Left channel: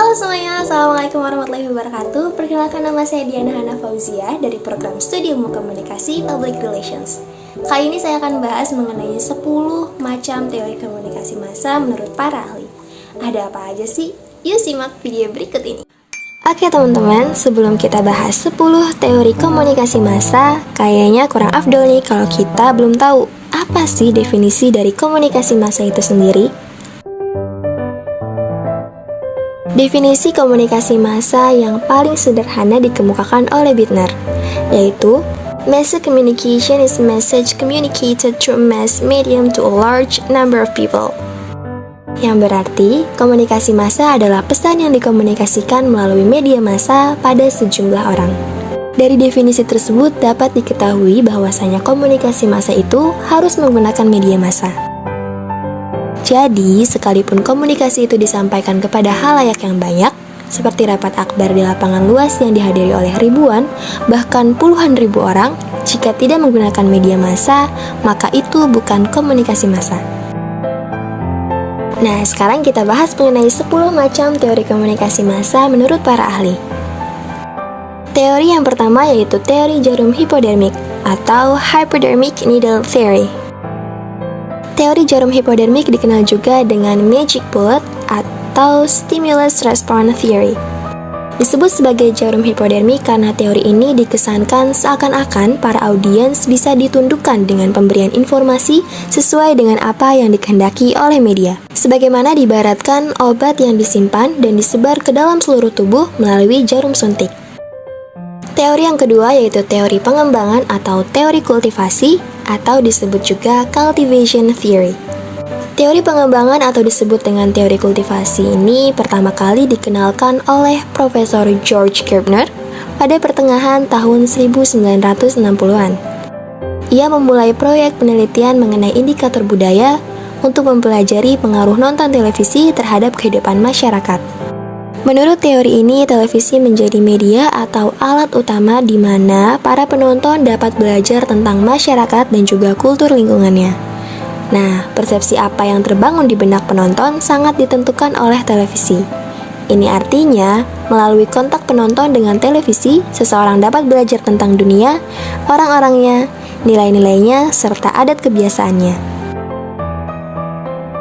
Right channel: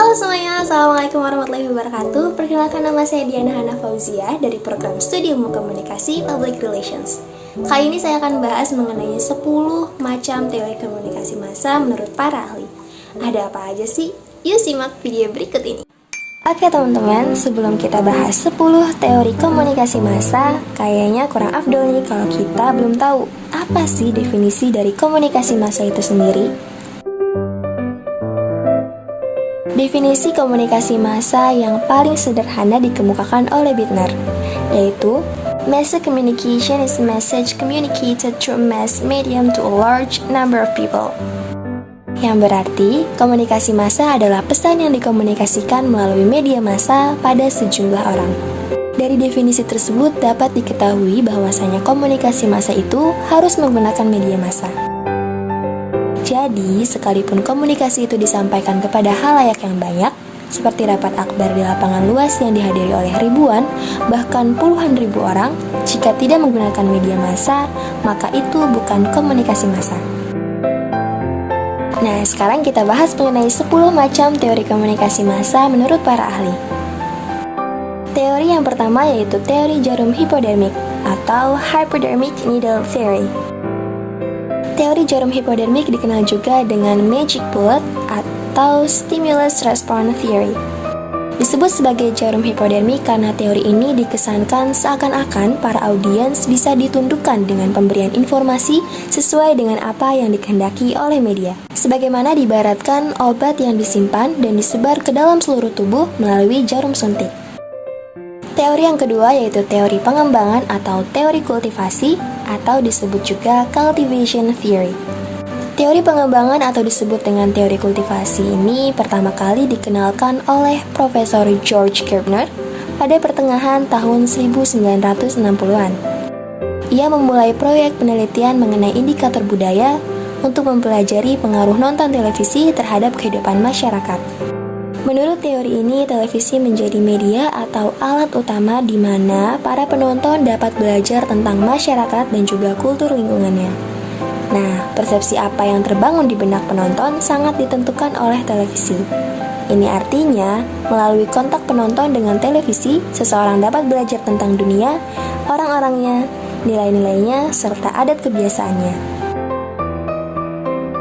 Halo semuanya, Assalamualaikum warahmatullahi wabarakatuh. Perkenalkan, nama saya Diana Hana Fauzia dari program Studi Ilmu Komunikasi Public Relations. Kali ini saya akan bahas mengenai 10 macam teori komunikasi massa menurut para ahli. Ada apa aja sih? Yuk simak video berikut ini. Oke teman-teman, sebelum kita bahas 10 teori komunikasi massa, kayaknya kurang afdol nih kalau kita belum tahu apa sih definisi dari komunikasi massa itu sendiri. Definisi komunikasi massa yang paling sederhana dikemukakan oleh Bittner, yaitu mass communication is message communicated through mass medium to a large number of people. Yang berarti, komunikasi massa adalah pesan yang dikomunikasikan melalui media massa pada sejumlah orang. Dari definisi tersebut dapat diketahui bahwasanya komunikasi massa itu harus menggunakan media massa. Jadi, sekalipun komunikasi itu disampaikan kepada halayak yang banyak, seperti rapat akbar di lapangan luas yang dihadiri oleh ribuan, bahkan puluhan ribu orang, jika tidak menggunakan media massa, maka itu bukan komunikasi massa. Nah, sekarang kita bahas mengenai 10 macam teori komunikasi massa menurut para ahli. Teori yang pertama yaitu teori jarum hipodermik atau hypodermic needle theory. Teori jarum hipodermik dikenal juga dengan magic bullet atau stimulus response theory. Disebut sebagai jarum hipodermik karena teori ini dikesankan seakan-akan para audiens bisa ditundukkan dengan pemberian informasi sesuai dengan apa yang dikehendaki oleh media. Sebagaimana diibaratkan obat yang disimpan dan disebar ke dalam seluruh tubuh melalui jarum suntik. Teori yang kedua yaitu teori pengembangan atau teori kultivasi atau disebut juga cultivation theory. Teori pengembangan atau disebut dengan teori kultivasi ini pertama kali dikenalkan oleh Profesor George Gerbner pada pertengahan tahun 1960-an. Ia memulai proyek penelitian mengenai indikator budaya untuk mempelajari pengaruh nonton televisi terhadap kehidupan masyarakat. Menurut teori ini, televisi menjadi media atau alat utama di mana para penonton dapat belajar tentang masyarakat dan juga kultur lingkungannya. Nah, persepsi apa yang terbangun di benak penonton sangat ditentukan oleh televisi. Ini artinya, melalui kontak penonton dengan televisi, seseorang dapat belajar tentang dunia, orang-orangnya, nilai-nilainya, serta adat kebiasaannya.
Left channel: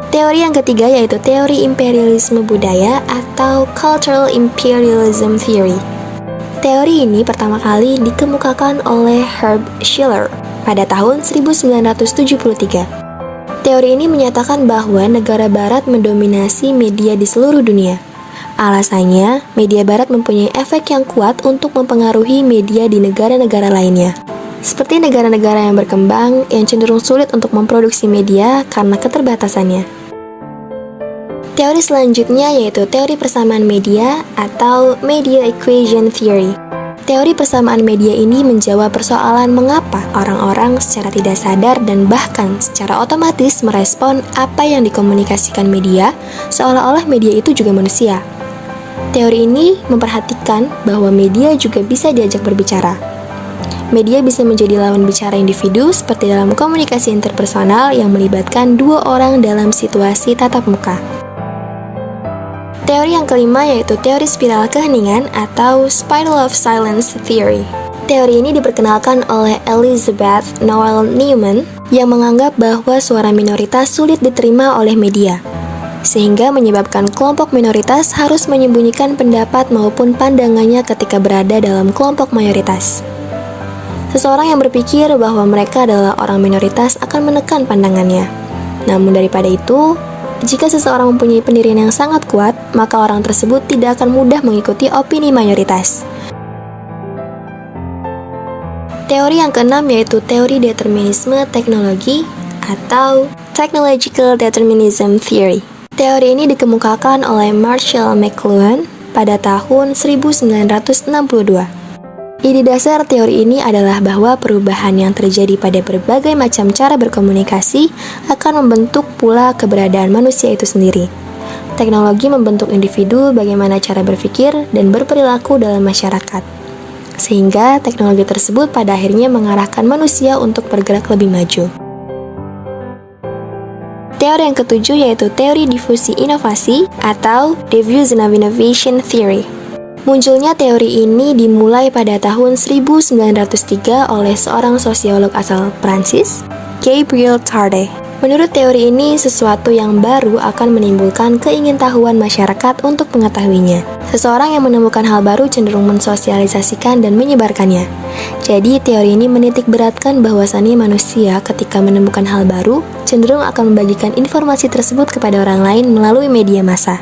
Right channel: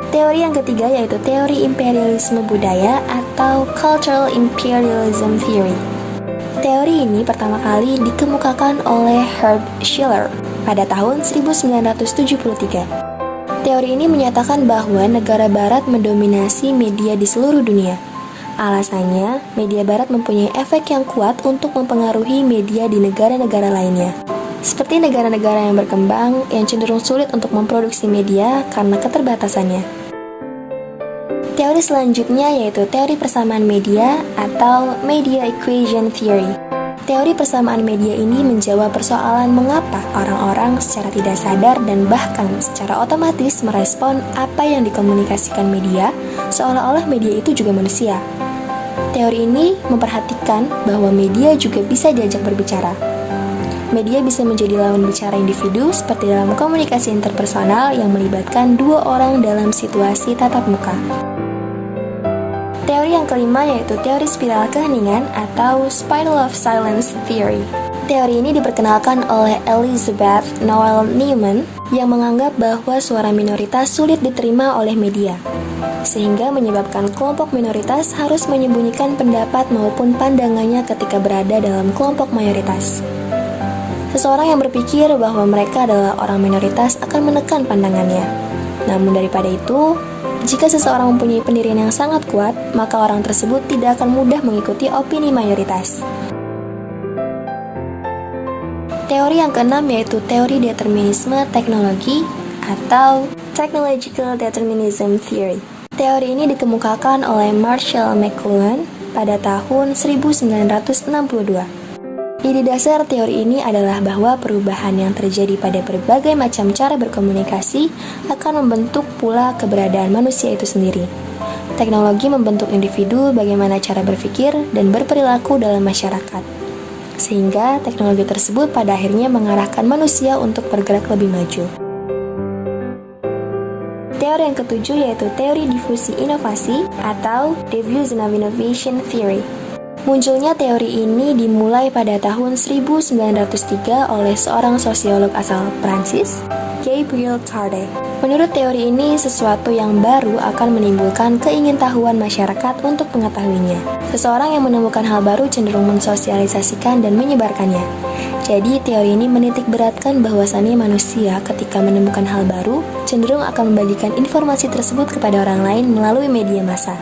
Teori yang ketiga yaitu teori imperialisme budaya atau cultural imperialism theory. Teori ini pertama kali dikemukakan oleh Herb Schiller pada tahun 1973. Teori ini menyatakan bahwa negara barat mendominasi media di seluruh dunia. Alasannya, media barat mempunyai efek yang kuat untuk mempengaruhi media di negara-negara lainnya. Seperti negara-negara yang berkembang yang cenderung sulit untuk memproduksi media karena keterbatasannya. Teori selanjutnya yaitu teori persamaan media atau media equation theory. Teori persamaan media ini menjawab persoalan mengapa orang-orang secara tidak sadar dan bahkan secara otomatis merespon apa yang dikomunikasikan media, seolah-olah media itu juga manusia. Teori ini memperhatikan bahwa media juga bisa diajak berbicara. Media bisa menjadi lawan bicara individu seperti dalam komunikasi interpersonal yang melibatkan dua orang dalam situasi tatap muka. Teori yang kelima yaitu teori spiral keheningan atau spiral of silence theory. Teori ini diperkenalkan oleh Elizabeth Noel Newman yang menganggap bahwa suara minoritas sulit diterima oleh media, sehingga menyebabkan kelompok minoritas harus menyembunyikan pendapat maupun pandangannya ketika berada dalam kelompok mayoritas. Seseorang yang berpikir bahwa mereka adalah orang minoritas akan menekan pandangannya. Namun daripada itu, jika seseorang mempunyai pendirian yang sangat kuat, maka orang tersebut tidak akan mudah mengikuti opini mayoritas. Teori yang keenam yaitu teori determinisme teknologi atau technological determinism theory. Teori ini dikemukakan oleh Marshall McLuhan pada tahun 1962. Ide dasar teori ini adalah bahwa perubahan yang terjadi pada berbagai macam cara berkomunikasi akan membentuk pula keberadaan manusia itu sendiri. Teknologi membentuk individu bagaimana cara berpikir dan berperilaku dalam masyarakat. Sehingga teknologi tersebut pada akhirnya mengarahkan manusia untuk bergerak lebih maju. Teori yang ketujuh yaitu teori difusi inovasi atau diffusion of innovation theory. Munculnya teori ini dimulai pada tahun 1903 oleh seorang sosiolog asal Prancis, Gabriel Tarde. Menurut teori ini, sesuatu yang baru akan menimbulkan keingintahuan masyarakat untuk mengetahuinya. Seseorang yang menemukan hal baru cenderung mensosialisasikan dan menyebarkannya. Jadi, teori ini menitik beratkan bahwasannya manusia ketika menemukan hal baru cenderung akan membagikan informasi tersebut kepada orang lain melalui media massa.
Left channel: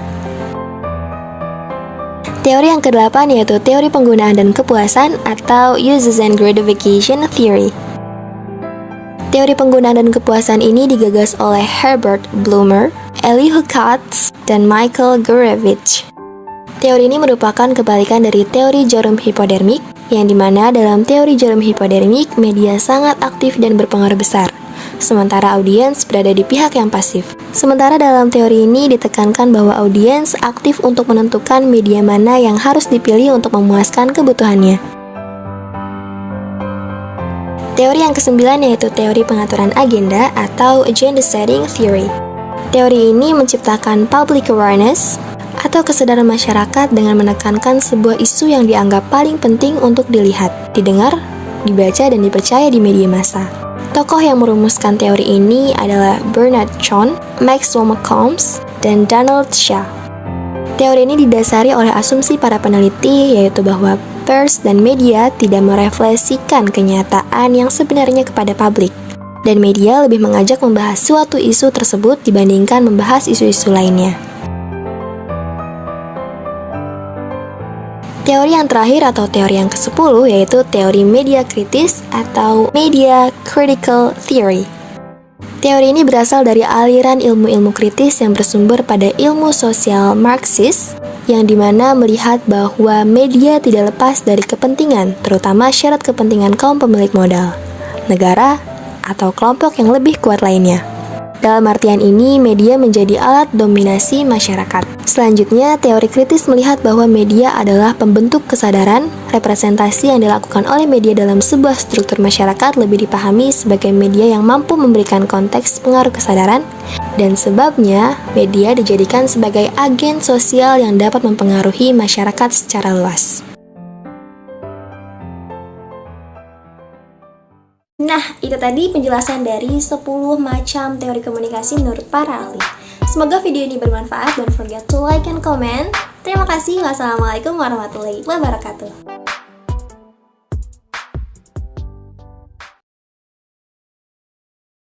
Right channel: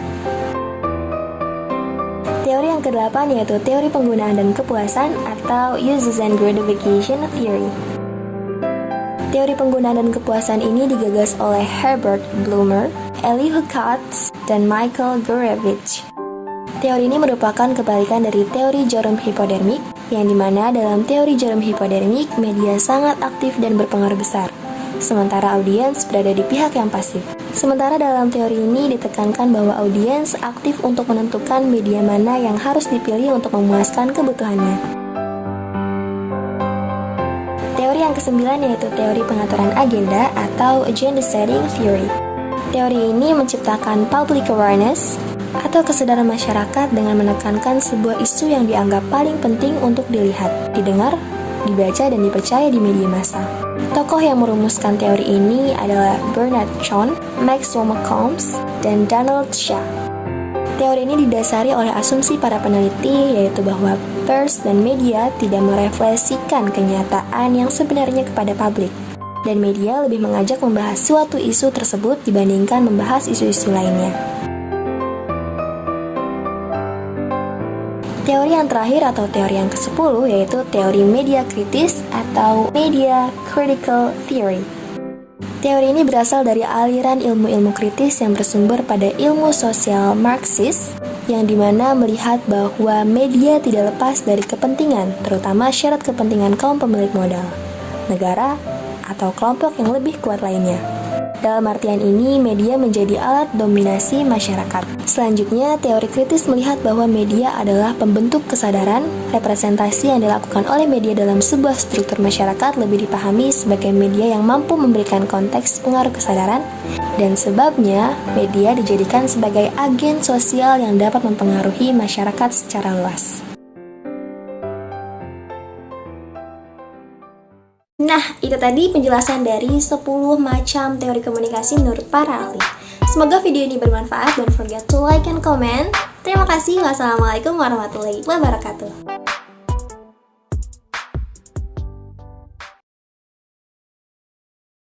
Teori yang ke-8 yaitu teori penggunaan dan kepuasan atau Uses and Gratification Theory. Teori penggunaan dan kepuasan ini digagas oleh Herbert Blumer, Elihu Katz, dan Michael Gurevich. Teori ini merupakan kebalikan dari teori jarum hipodermik, yang dimana dalam teori jarum hipodermik, media sangat aktif dan berpengaruh besar, sementara audiens berada di pihak yang pasif. Sementara dalam teori ini ditekankan bahwa audiens aktif untuk menentukan media mana yang harus dipilih untuk memuaskan kebutuhannya. Teori yang ke-9 yaitu teori pengaturan agenda atau Agenda Setting Theory. Teori ini menciptakan public awareness atau kesadaran masyarakat dengan menekankan sebuah isu yang dianggap paling penting untuk dilihat, didengar, dibaca, dan dipercaya di media massa. Tokoh yang merumuskan teori ini adalah Bernard John, Maxwell Malcolms, dan Donald Shah. Teori ini didasari oleh asumsi para peneliti, yaitu bahwa pers dan media tidak merefleksikan kenyataan yang sebenarnya kepada publik, dan media lebih mengajak membahas suatu isu tersebut dibandingkan membahas isu-isu lainnya. Teori yang terakhir atau teori yang ke-10 yaitu teori media kritis atau Media Critical Theory. Teori ini berasal dari aliran ilmu-ilmu kritis yang bersumber pada ilmu sosial Marxis, yang dimana melihat bahwa media tidak lepas dari kepentingan, terutama syarat kepentingan kaum pemilik modal, negara, atau kelompok yang lebih kuat lainnya. Dalam artian ini, media menjadi alat dominasi masyarakat. Selanjutnya, teori kritis melihat bahwa media adalah pembentuk kesadaran. Representasi yang dilakukan oleh media dalam sebuah struktur masyarakat lebih dipahami sebagai media yang mampu memberikan konteks pengaruh kesadaran, dan sebabnya media dijadikan sebagai agen sosial yang dapat mempengaruhi masyarakat secara luas. Nah, itu tadi penjelasan dari 10 macam teori komunikasi menurut para ahli. Semoga video ini bermanfaat. Don't forget to like and comment. Terima kasih. Wassalamualaikum warahmatullahi wabarakatuh.